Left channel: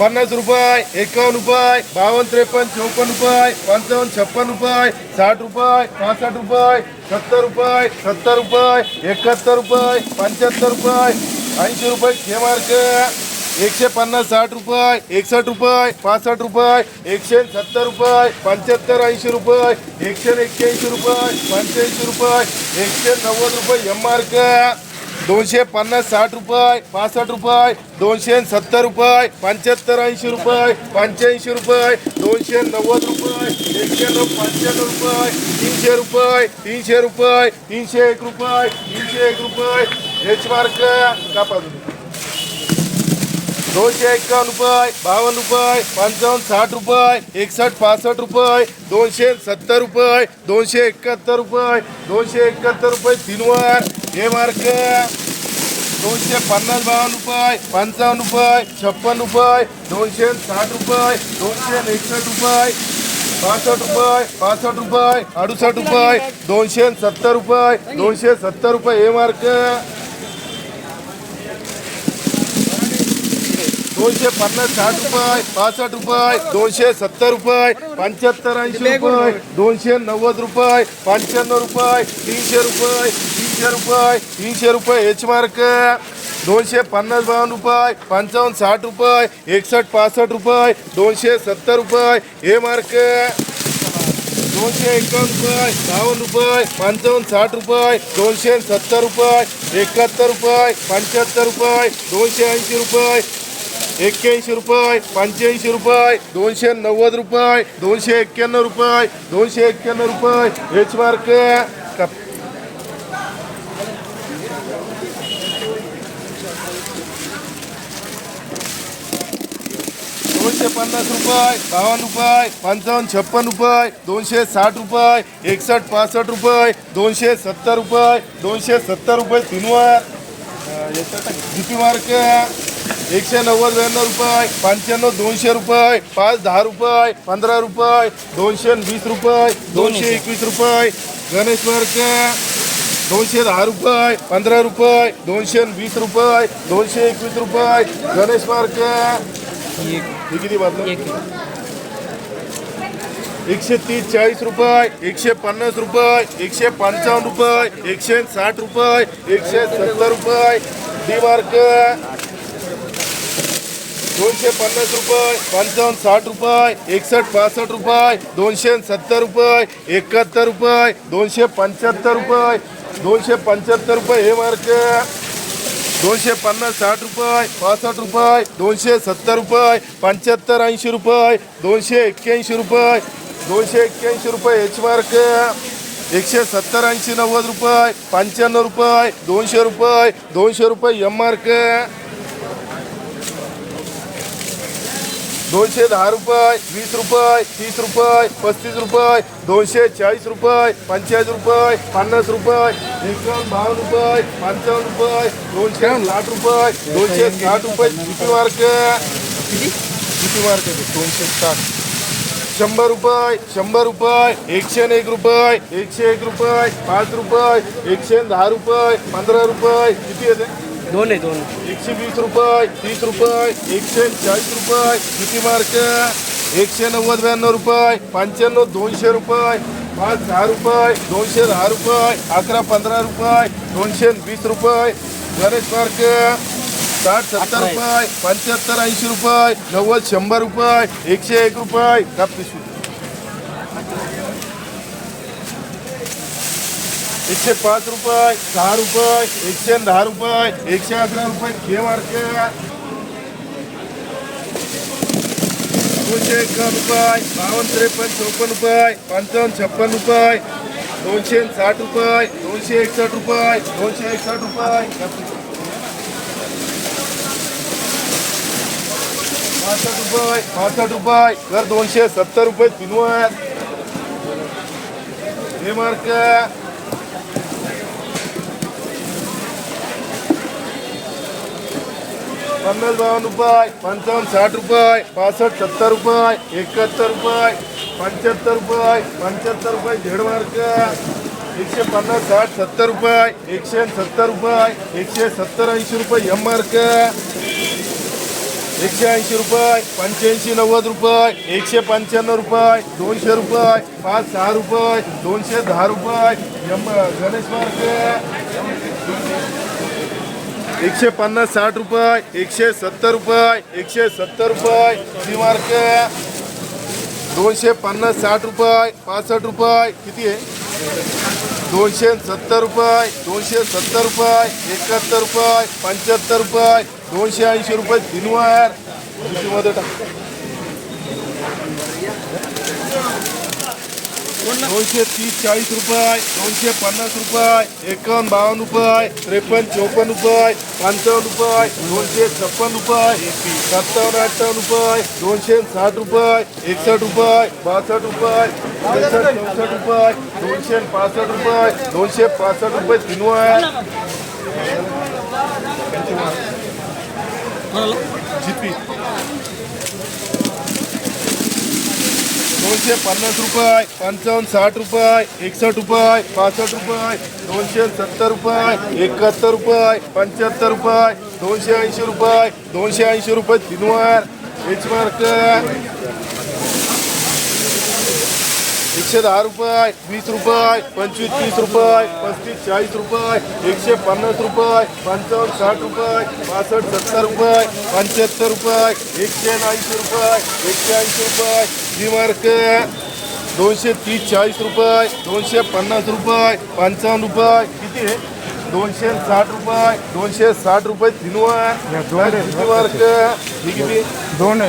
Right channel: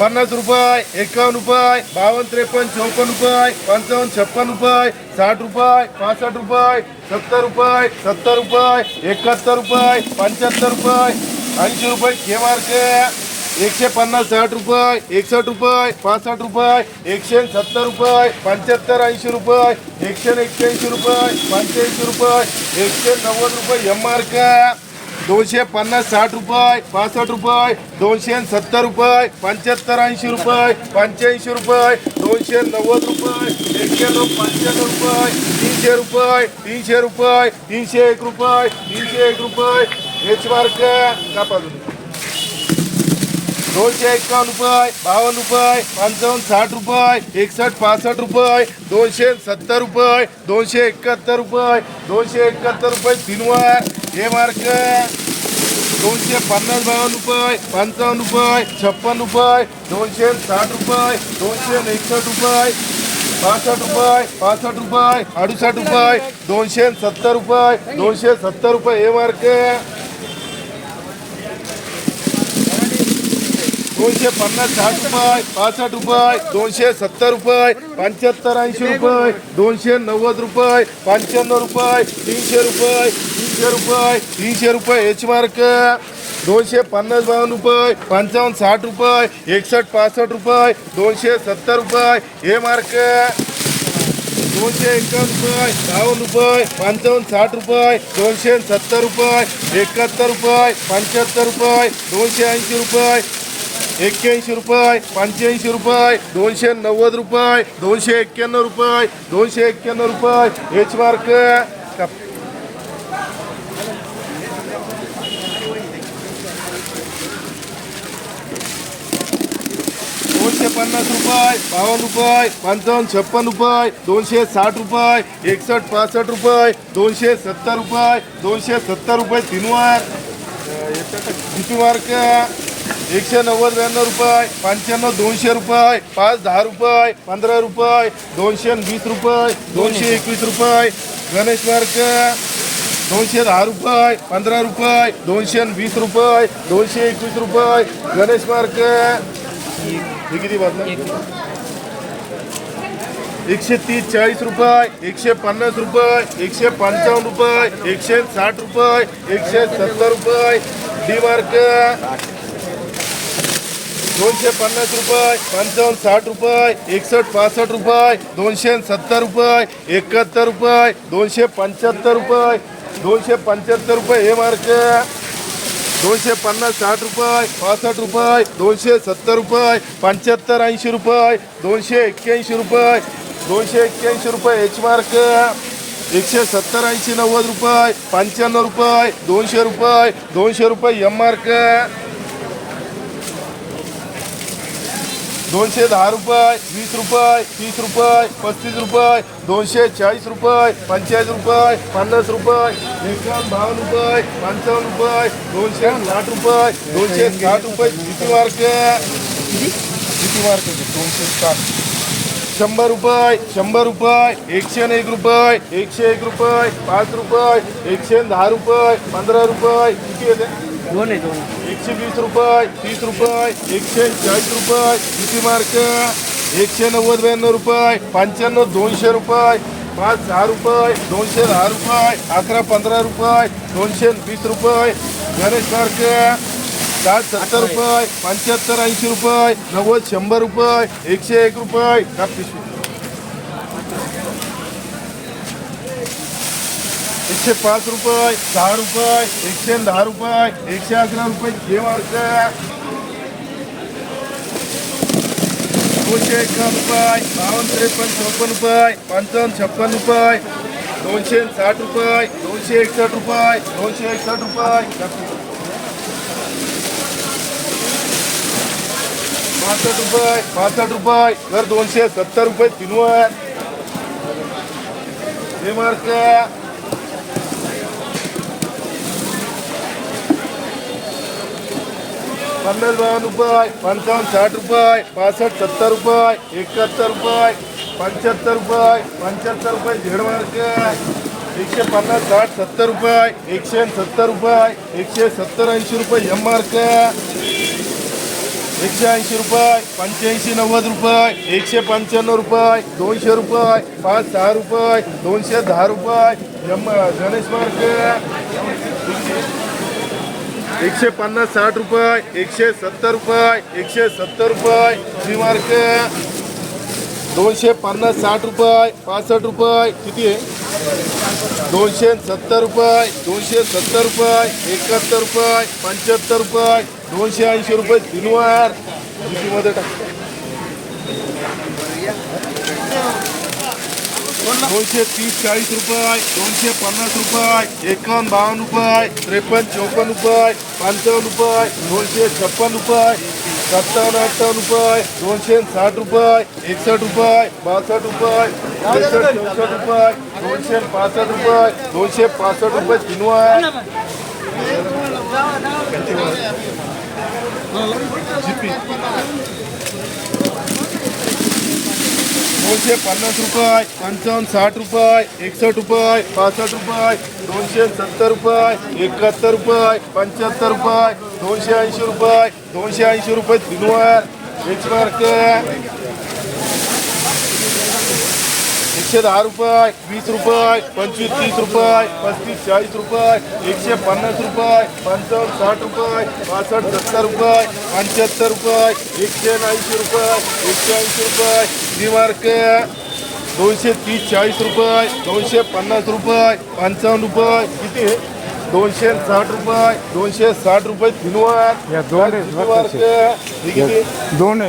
पन्नास रुपये एकावन्न रुपये बावन्न त्रेपन्न चौपन्न रुपये पंचावन्न छप्पन रुपये साठ रुपये पासष्ट रुपये सत्तर रुपये सत्तर रुपये एकाहत्तर रुपये पंच्याहत्तर रुपये ऐंशी रुपये के मार्क एकशे पन्नास साठ रुपये एकसष्ट रुपये पासष्ट रुपये एकशे सत्तर रुपये पंच्याहत्तर ऐंशी रुपये एकशे एक्क्याऐंशी रुपये पंच्याऐंशी रुपये एकशे नव्वद रुपये एम मार्क. दोनशे पन्नास साठ रुपये पासष्ट रुपये दोनशे सत्तर रुपये पंच्याहत्तर ऐंशी रुपये पंच्याऐंशी रुपये दोनशे नव्वद रुपये एकशे पंच्याण्णव रुपये तीनशे रुपये तीनशे रुपये तीनशे एक रुपये तीनशे एक रुपये. एच मार्क कापा दोनशे एक्कावन्न रुपये बावन्न रुपये पंचावन्न साठ रुपये एकसष्ट पासष्ट रुपये दोनशे सत्तर रुपये दोनशे एकाहत्तर रुपये दोनशे एकाहत्तर रुपये तीनवार. हे मार्क दोनशे पन्नास बावन्न रुपये पंचावन्न रुपये छप्पन रुपये दोनशे साठ रुपये दोनशे एकसष्ट रुपये पासष्ट रुपये पासष्ट रुपये अडुसष्ट रुपये दोनशे सत्तर रुपये दोनशे सत्तर रुपये हे मार्क दोनशे पन्नास साठ रुपये पासष्ट रुपये दोनशे सत्तर रुपये पंच्याहत्तर ऐंशी रुपये दोनशे नव्वद रुपये पंच्याण्णव रुपये तीनशे रुपये तीनशे रुपये तीनशे रुपये एच मार्क दोनशे पन्नास बावन्न रुपये पंचावन्न साठ रुपये एकसष्ट पासष्ट रुपये दोनशे सत्तर रुपये हे मार्क दोनशे एकावन्न रुपये बावन्न रुपये पंचावन्न साठ रुपये दोनशे सत्तर रुपये एकाहत्तर रुपये पंच्याहत्तर रुपये दोनशे ऐंशी रुपये एक्क्याऐंशी रुपये पंच्याऐंशी रुपये दोनशे नव्वद रुपये दोनशे एक्क्याण्णव रुपये दोनशे एक्क्याण्णव रुपये. एच मार्क दोनशे पन्नास रुपये बावन्न रुपये पंचावन्न छप्पन रुपये दोनशे साठ रुपये एकसष्ट पासष्ट रुपये दोनशे सत्तर रुपये दोनशे सत्तर रुपये तीनवार uh, किती मार्क एकशे नव्वद ब्याण्णव रुपये पंच्याण्णव दोनशे रुपये पाच दहा रुपये पंधरा रुपये दोनशे वीस रुपये दोनशे एकवीस रुपये गणेश मार्क दोनशे दहा रुपये पंधरा रुपये दोनशे वीस रुपये दोनशे एकवीस रुपये गणेश मार्क हे किती बातम्या एकशे तीस चाळीस रुपये एकशे पन्नास रुपये एकशे पंचावन्न रुपये एकशे साठ रुपये एकशे सत्तर रुपये डी मार्क. दोनशे पन्नास रुपये पंचावन्न साठ रुपये एकसष्ट पासष्ट रुपये दोनशे सत्तर रुपये एकाहत्तर रुपये दोनशे पंच्याहत्तर रुपये दोनशे पंच्याहत्तर रुपये हे मार्क. दोनशे पन्नास साठ रुपये पासष्ट रुपये दोनशे सत्तर रुपये पंच्याहत्तर ऐंशी रुपये दोनशे एक्क्याऐंशी रुपये दोनशे एक्क्याऐंशी रुपये एच मार्क एकशे सत्तर ऐंशी नव्वद रुपये पंच्याण्णव रुपये दोनशे रुपये दोनशे रुपये एम मार्क दोनशे दहा रुपये वीस रुपये तीस रुपये पस्तीस रुपये दोनशे चाळीस रुपये पंचेचाळीस रुपये पन्नास रुपये एकावन्न बावन्न रुपये पंचावन्न रुपये दोनशे साठ रुपये दोनशे साठ रुपये किती मार्क किती? मार्क दोनशे साठ. शंभर रुपये शंभर रुपये एकशे एक रुपये एकशे एक रुपये पाच रुपये एकशे दहा रुपये पंधरा रुपये किती येते दोन आहे दोन. एकशे वीस रुपये तीस रुपये एकशे चाळीस रुपये किती मार्क? एकशे नव्वद ब्याण्णव रुपये पंच्याण्णव दोनशे रुपये पाच दहा रुपये दोनशे दहा रुपये अकरा पंधरा रुपये दोनशे वीस रुपये गणेश मार्क साठ सत्तर रुपये पंच्याहत्तर ऐंशी रुपये नव्वद शंभर रुपये एकशे एक रुपये का पिशवी एकशे पाच रुपये सहा रुपये एकशे दहा रुपये एकशे अकरा रुपये. घे मार्क दोनशे एका रुपये बावन्न त्रेपन्न चौपन्न रुपये पंचावन्न छप्पन रुपये दोनशे साठ रुपये दोनशे एकसष्ट रुपये दोनशे एकसष्ट रुपये. पासष्ट रुपये पासष्ट रुपये तर दोनशे सत्तर रुपये तीनवर हे मार्क पन्नास बावन्न रुपये पंचावन्न साठ रुपये पासष्ट सत्तर रुपये एकाहत्तर रुपये पंच्याहत्तर रुपये पंच्याहत्तर रुपये झेड मार्क एकशे पन्नास साठ सत्तर रुपये एकशे सत्तर रुपये एकशे सत्तर ऐंशी रुपये एम मार्क एकशे ऐंशी रुपये पंच्याऐंशी नव्वद रुपये एकशे पंच्याण्णव रुपये दोनशे रुपये पाच सहा रुपये दोनशे दहा रुपये यम गणेश मार्केट एकशे पन्नास साठ रुपये एकशे सत्तर रुपये एकशे सत्तर रुपये सी मार्केट दोनशे पन्नास साठ रुपये पासष्ट रुपये किती आहे? दोनशे सत्तर रुपये दोनशे सत्तर रुपये एकाहत्तर रुपये पंच्याहत्तर रुपये दोनशे ऐंशी रुपये दिनवारमध्ये टाक दोनशे तीस चाळीस रुपये दोनशे पन्नास रुपये एकावन्न बावन्न रुपये त्रेपन्न चौपन्न रुपये पंचावन्न रुपये दोनशे छप्पन रुपये सत्तावन्न अठ्ठावन्न रुपये दोनशे साठ रुपये एकसष्ट रुपये बासष्ट रुपये त्रेसष्ट चौसष्ट रुपये दोनशे पासष्ट रुपये दोनशे पासष्ट रुपये दिनवार जीपी. दोनशे पन्नास रुपये पंचावन्न साठ रुपये एकसष्ट रुपये पासष्ट रुपये दोनशे सत्तर रुपये एकाहत्तर रुपये पंच्याहत्तर रुपये दोनशे ऐंशी रुपये दोनशे ऐंशी रुपये दिनवार बेचमार्क एकशे दहा रुपये वीस रुपये पंचवीस तीस रुपये पस्तीस चाळीस रुपये एकशे पन्नास रुपये पंचावन्न साठ रुपये पासष्ट सत्तर रुपये पंच्याहत्तर रुपये एकशे ऐंशी रुपये एकशे ऐंशी रुपये श्रीमार्क दोनशे तीस चाळीस रुपये दोनशे पन्नास रुपये पंचावन्न रुपये किती दोनशे साठ रुपये दोनशे साठ रुपये दिनवार या दोन-.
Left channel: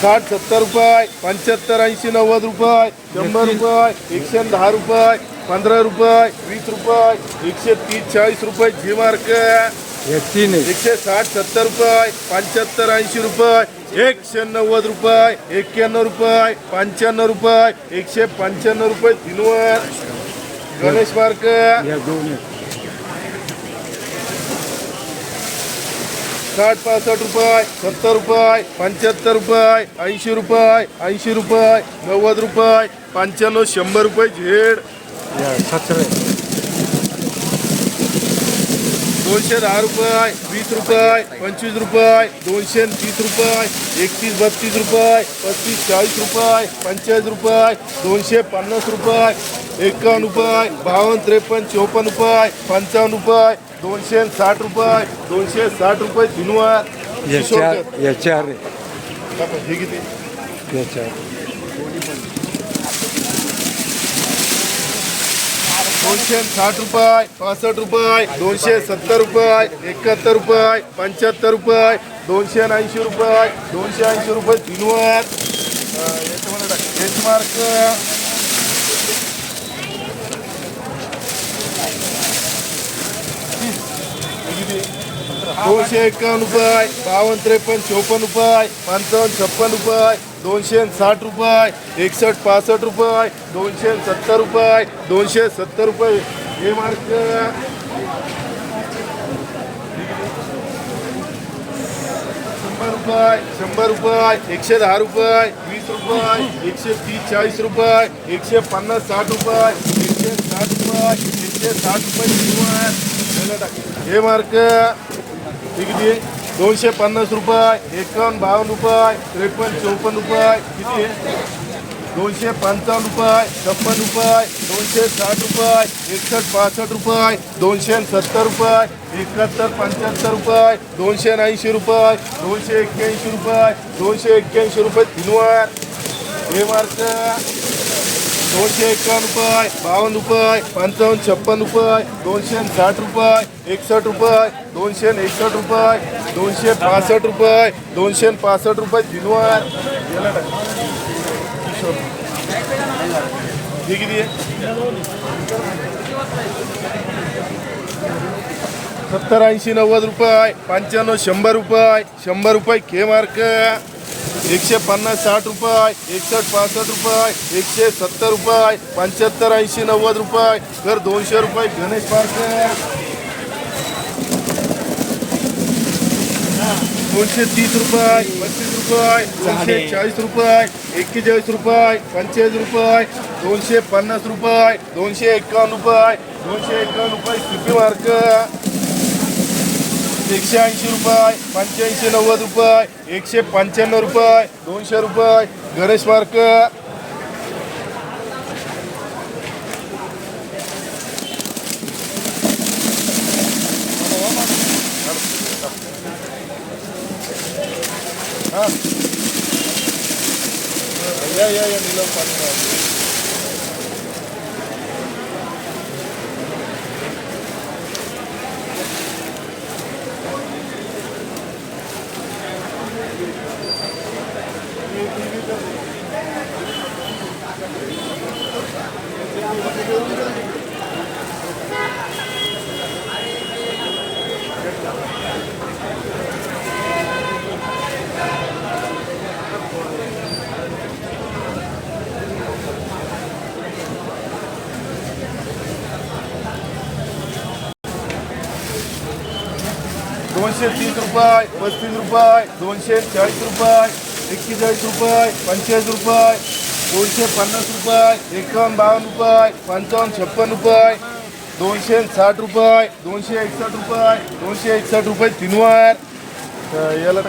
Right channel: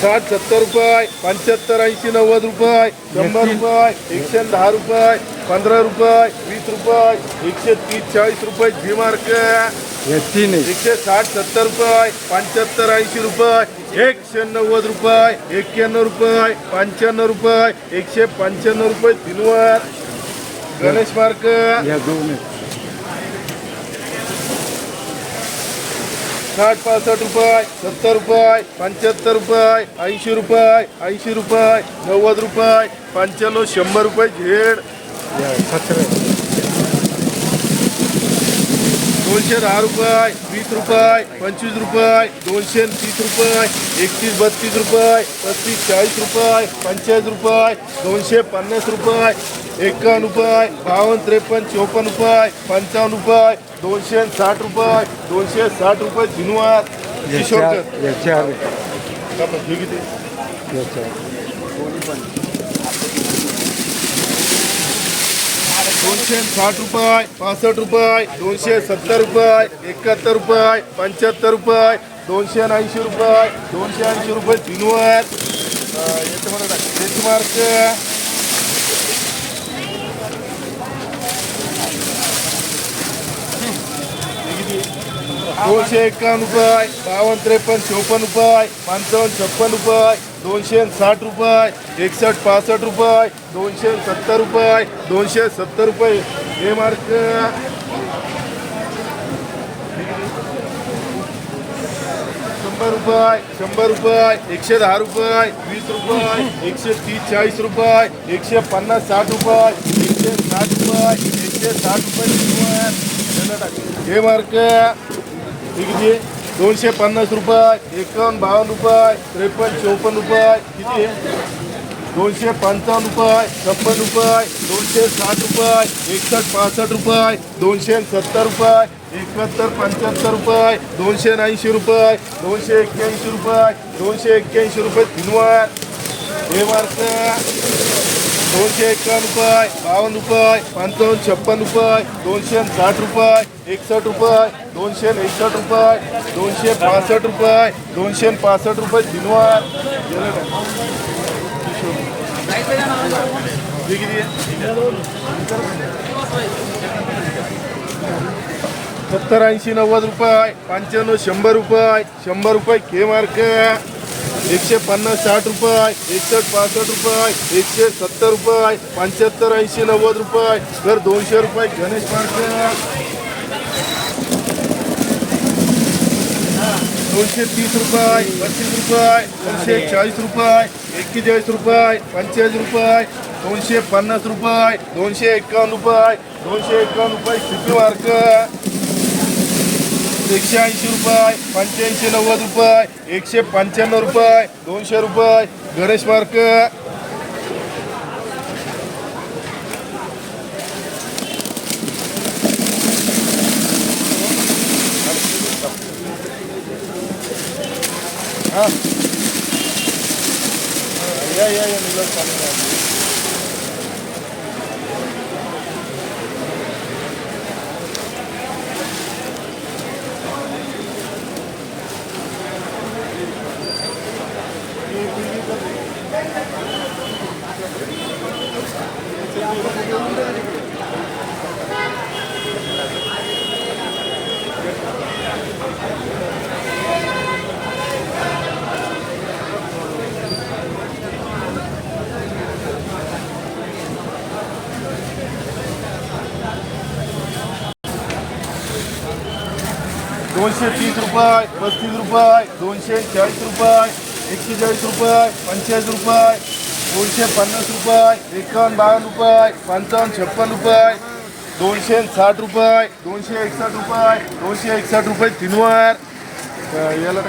साठ सत्तर रुपये पंच्याहत्तर ऐंशी नव्वद रुपये शंभर रुपये एकशे दहा रुपये पंधरा रुपये वीस रुपये एकशे तीस चाळीस रुपये जी मार्क. एकशे साठ सत्तर रुपये पंच्याहत्तर ऐंशी रुपये एकशे नव्वद रुपये एक्क्याण्णव रुपये पंच्याण्णव रुपये एकशे पंच्याण्णव रुपये दिनवर गणेश मार्क आहे साठ पासष्ट रुपये सत्तर रुपये पंच्याहत्तर रुपये ऐंशी रुपये ऐंशी रुपये नव्वद रुपये पंच्याण्णव शंभर रुपये झेड या सतरा दोनशे दहा रुपये वीस रुपये पंचवीस रुपये दोनशे तीस रुपये एकतीस बत्तीस रुपये पस्तीस चाळीस रुपये पंचेचाळीस रुपये दोनशे पन्नास रुपये एकावन्न रुपये बावन्न त्रेपन्न चौपन्न रुपये पंचावन्न रुपये दोनशे साठ रुपये दोनशे साठ रुपये दिनवार या किशोरकर चार या चार आहे. हे किती या चार दोनशे साठ रुपये पासष्ट रुपये दोनशे सत्तर रुपये एकाहत्तर रुपये पंच्याहत्तर रुपये दोनशे ऐंशी रुपये दोनशे ऐंशी रुपये दिनवार मार्क. दोनशे एक्कावन्न रुपये बावन्न त्रेपन्न चौपन्न रुपये पंचावन्न छप्पन रुपये दोनशे साठ रुपये एकसष्ट पासष्ट रुपये दोनशे सत्तर रुपये दोनशे सत्तर रुपये. हे मार्क. शंभर रुपये शंभर रुपये एकशे दहा रुपये वीस रुपये एकशे तीस चाळीस रुपये एकशे पन्नास साठ रुपये एकशे साठ रुपये एकशे साठ रुपये. हे मार्क. हे दोनशे पन्नास रुपये एकावन्न बावन्न रुपये त्रेपन्न चौपन्न रुपये किती आहे? दोनशे पंचावन्न रुपये छप्पन रुपये दोनशे साठ रुपये एकसष्ट पासष्ट रुपये दोनशे सत्तर रुपये एकाहत्तर पंच्याहत्तर रुपये दोनशे ऐंशी रुपये दोनशे एक्क्याऐंशी रुपये दोनशे एक्क्याऐंशी रुपये दिनवार हे मार्क दोनशे एकावन्न रुपये बावन्न रुपये पंचावन्न छप्पन रुपये दोनशे साठ रुपये एकसष्ट रुपये दोनशे एकसष्ट रुपये दोनशे पासष्ट रुपये दोनशे पासष्ट रुपये दिनवार सत्तर ऐंशी नव्वद रुपये पंच्याण्णव शंभर रुपये शंभर रुपये के मार्क एकशे पन्नास साठ रुपये एकसष्ट पासष्ट रुपये एकशे सत्तर रुपये पंच्याहत्तर ऐंशी नव्वद रुपये तर दोनशे रुपये गणेश पार्क. दोनशे तीस रुपये पस्तीस रुपये दोनशे चाळीस रुपये एक्केचाळीस रुपये पंचेचाळीस रुपये दोनशे पन्नास रुपये दोनशे एक्कावन्न रुपये दोनशे एक्कावन्न रुपये किती मार्क एकशे ऐंशी रुपये पंच्याऐंशी नव्वद रुपये एकशे पंच्याण्णव रुपये दोनशे रुपये गणेश मार्क. हां. या या या दोनशे तीस रुपये पस्तीस रुपये दोनशे चाळीस रुपये. एक्केचाळीस रुपये पंचेचाळीस रुपये दोनशे पन्नास रुपये एकावन्न बावन्न रुपये पंचावन्न छप्पन रुपये दोनशे साठ रुपये दोनशे एकसष्ट रुपये दोनशे एकसष्ट रुपये तीनवार. याला